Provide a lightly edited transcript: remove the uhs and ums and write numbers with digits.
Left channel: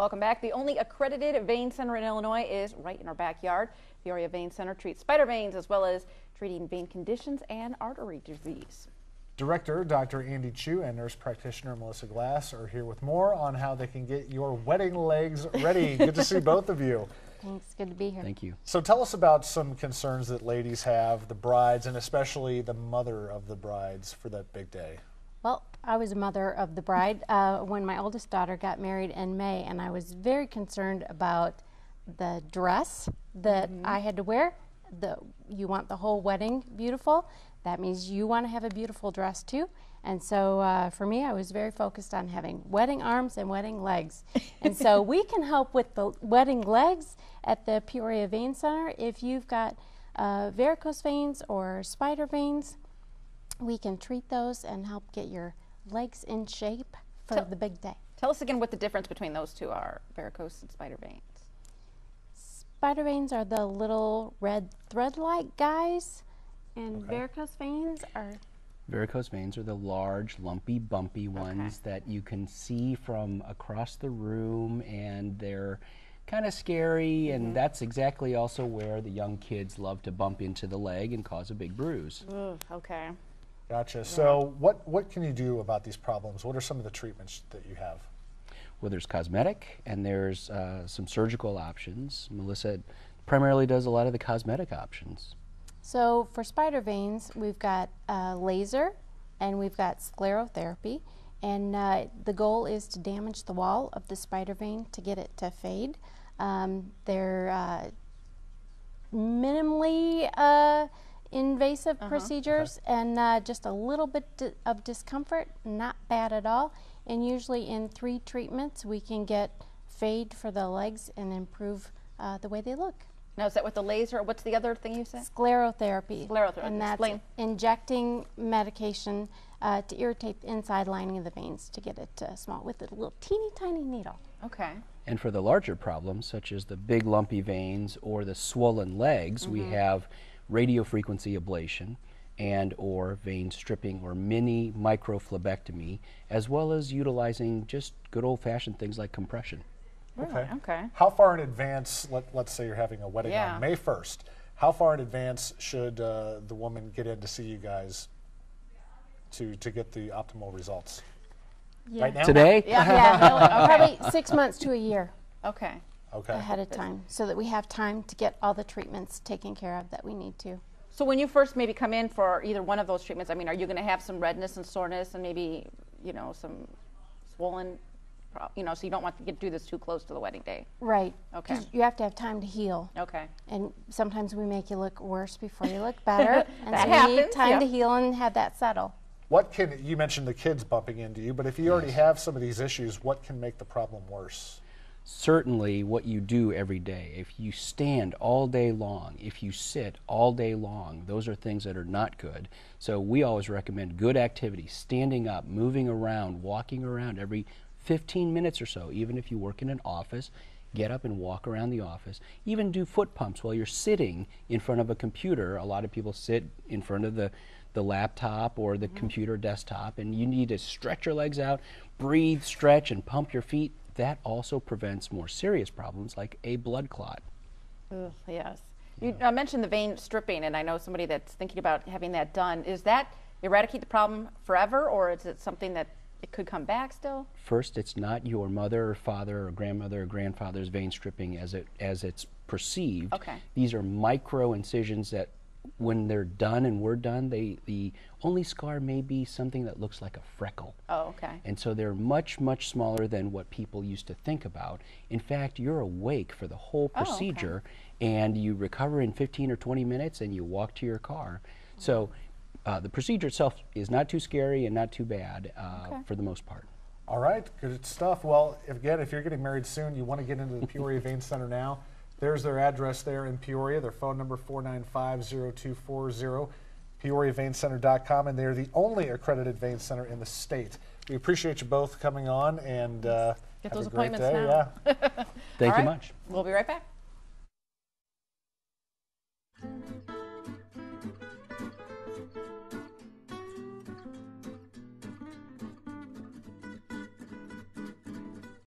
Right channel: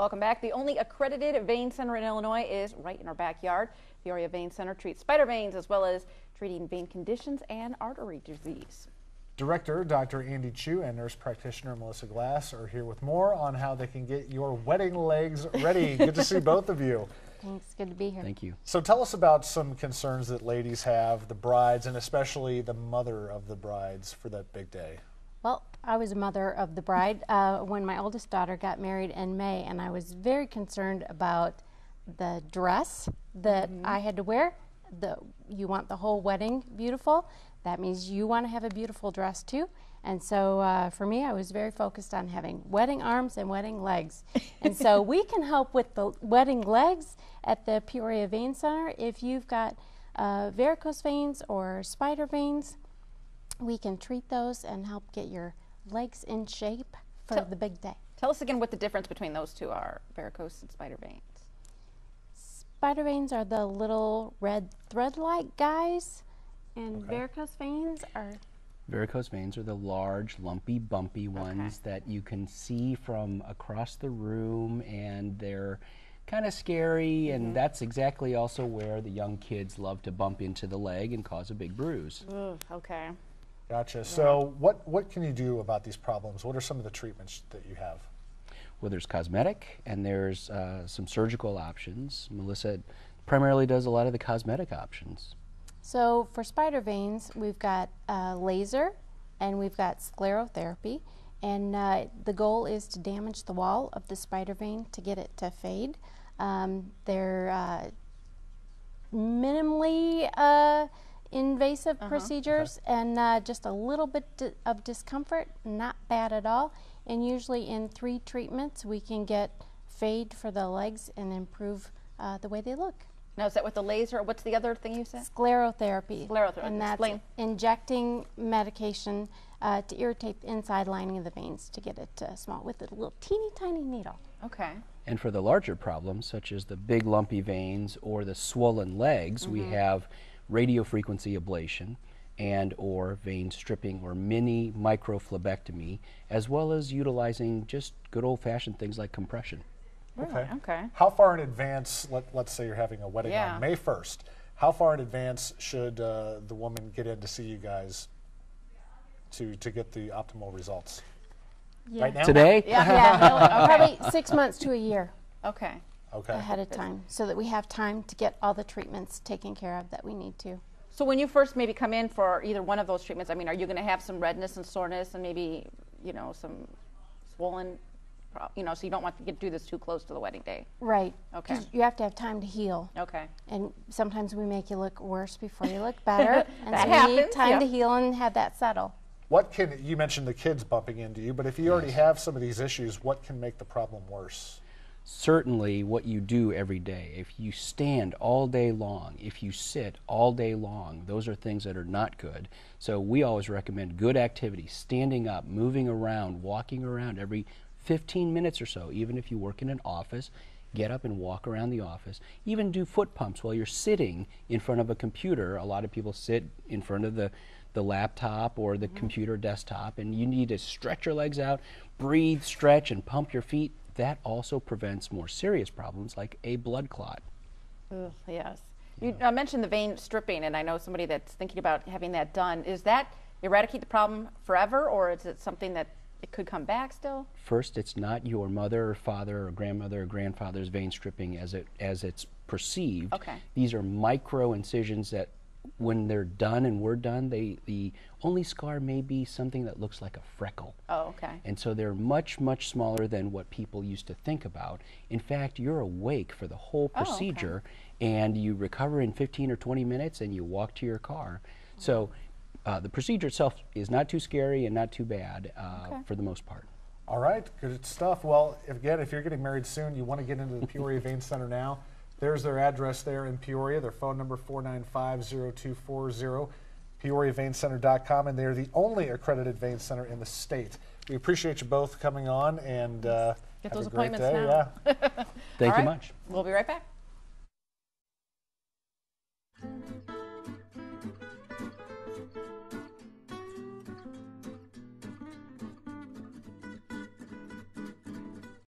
Welcome back. The only accredited vein center in Illinois is right in our backyard. Peoria Vein Center treats spider veins as well as treating vein conditions and artery disease. Director Dr. Andy Chiou and nurse practitioner Melissa Glass are here with more on how they can get your wedding legs ready. Good to see both of you. Thanks. Good to be here. Thank you. So tell us about some concerns that ladies have, the brides, and especially the mother of the brides for that big day. Well, I was a mother of the bride when my oldest daughter got married in May, and I was very concerned about the dress that I had to wear. You want the whole wedding beautiful. That means you want to have a beautiful dress too. And so for me, I was very focused on having wedding arms and wedding legs. And so we can help with the wedding legs at the Peoria Vein Center. If you've got varicose veins or spider veins, we can treat those and help get your legs in shape for the big day. Tell us again what the difference between those two are, varicose and spider veins. Spider veins are the little red thread-like guys, and varicose veins are... Varicose veins are the large, lumpy, bumpy ones that you can see from across the room, and they're kind of scary, and that's exactly also where the young kids love to bump into the leg and cause a big bruise. Ooh, okay. Gotcha. Yeah. So what can you do about these problems? What are some of the treatments that you have? Well, there's cosmetic, and there's some surgical options. Melissa primarily does a lot of the cosmetic options. So for spider veins, we've got laser and we've got sclerotherapy, and the goal is to damage the wall of the spider vein to get it to fade. They're minimally invasive procedures, and just a little bit of discomfort, not bad at all. And usually in 3 treatments we can get fade for the legs and improve the way they look. Now, is that with the laser? What's the other thing you said? Sclerotherapy. Sclerotherapy. And that's injecting medication to irritate the inside lining of the veins to get it small with a little teeny tiny needle. Okay. And for the larger problems, such as the big lumpy veins or the swollen legs, we have radiofrequency ablation and or vein stripping or mini microflebectomy, as well as utilizing just good old-fashioned things like compression. Really? Okay. How far in advance, let's say you're having a wedding on May 1st, how far in advance should the woman get in to see you guys to get the optimal results? Right now? Today? Probably 6 months to a year. Okay. Ahead of time, so that we have time to get all the treatments taken care of that we need to. So when you first maybe come in for either one of those treatments, I mean, are you going to have some redness and soreness and maybe, you know, some swollen, you know, so you don't want to do this too close to the wedding day? Right. Okay. You have to have time to heal. Okay. And sometimes we make you look worse before you look better. And that so happens. we need time to heal and have that settle. What can, you mentioned the kids bumping into you, but if you already have some of these issues, what can make the problem worse? Certainly what you do every day. If you stand all day long, if you sit all day long, those are things that are not good. So we always recommend good activity, standing up, moving around, walking around every 15 minutes or so. Even if you work in an office, get up and walk around the office. Even do foot pumps while you're sitting in front of a computer. A lot of people sit in front of the laptop or the computer desktop, and you need to stretch your legs out, breathe, stretch, and pump your feet. That also prevents more serious problems like a blood clot. Yes. You mentioned the vein stripping, and I know somebody that's thinking about having that done. Is that eradicate the problem forever, or is it something that it could come back still? First, it's not your mother or father or grandmother or grandfather's vein stripping as it's perceived. Okay. These are micro incisions that when they're done and we're done, the only scar may be something that looks like a freckle. Oh, okay. And so they're much, much smaller than what people used to think about. In fact, you're awake for the whole procedure, and you recover in 15 or 20 minutes, and you walk to your car. So the procedure itself is not too scary and not too bad for the most part. All right, good stuff. Well, if you're getting married soon, you want to get into the Peoria Vein Center now. There's their address there in Peoria. Their phone number 495-0240, PeoriaVeinCenter.com, and they're the only accredited vein center in the state. We appreciate you both coming on, and get have those a great appointments day. now. Thank you much. We'll be right back.